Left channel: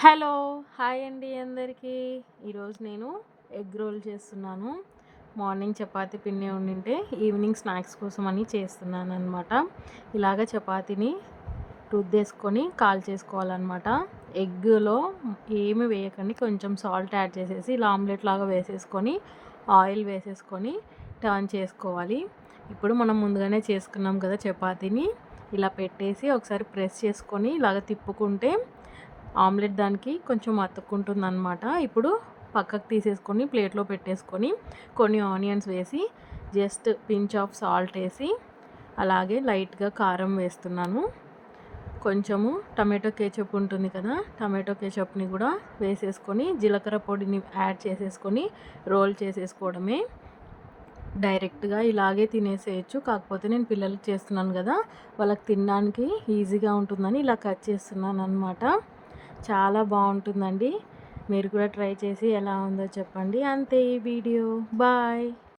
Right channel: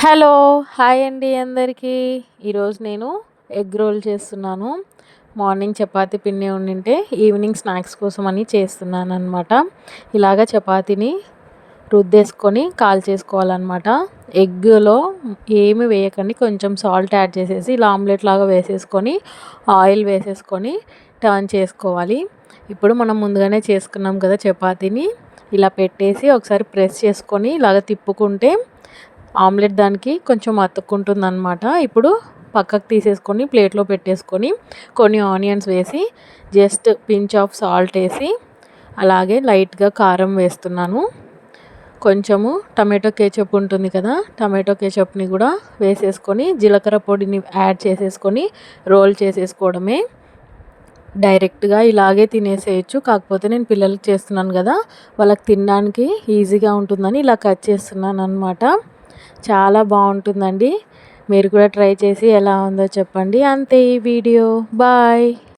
Hello hi అండి అందరికీ. ఈరోజు నేను ఎగ్ రోల్ చేస్తున్నాను. మార్నింగ్ చపాతీ పిండి ఉండింటే ఈవినింగ్ స్నాక్స్ కోసం అని చేస్తున్నాను అనమాట ఇలాగ చపాతీని రుద్దేసుకొని కాల్ చేసుకోవాలన్నమాట. ఎగ్లో ఏమి వేయకండి కొంచెం సాల్ట్ యాడ్ చేసేసి ఇలా ఆమ్లెట్ లాగా వేసేసుకొని ఆయిల్ వేసేసుకొని టర్న్ చేసుకోవాలి. ఇప్పుడు మనం ముందుగానే చేసుకున్నాం కదా చపాతీని. ఇలా పెట్టేసి ఒకసారి ప్రెస్ చేసుకొని ఇలాగ తిప్పుకుంటే ఆమ్లెట్ దానికి కొంచెం అతుక్కుంటుంది అనమాట ఇప్పుడు పక్కకు తీసేసుకొని ప్లేట్లో పెట్టేసుకొని కొన్ని ఆనియన్స్ వేసి జస్ట్ పించ్ ఆఫ్ సాల్ట్ వేసి అలాగే లైట్గా కారం వేస్తున్నాను. కొంచెము టమాటో కేచప్ ఉంటుంది కదా టమాటో కేచప్ని కూడా వేసేసుకొని జీలకర్ర పొడిని యాడ్ చేసేసుకొని రోల్ చేసేసుకోవడమే. డైరెక్ట్గా ఇలాగే తినేసేయచ్చు కాకపోతే నేను పిల్లలకి చేస్తున్నాను కదా వాళ్ళకి తినడానికి ఈజీగా ఉంటుందని ఇలా కట్ చేస్తున్నాను అనమాట చాలా బాగుంటుందండి. మీరు కూడా ట్రై చేసి ఎలా ఉందో చెప్పండి. అంతే ఈ వీడియో. బాయ్.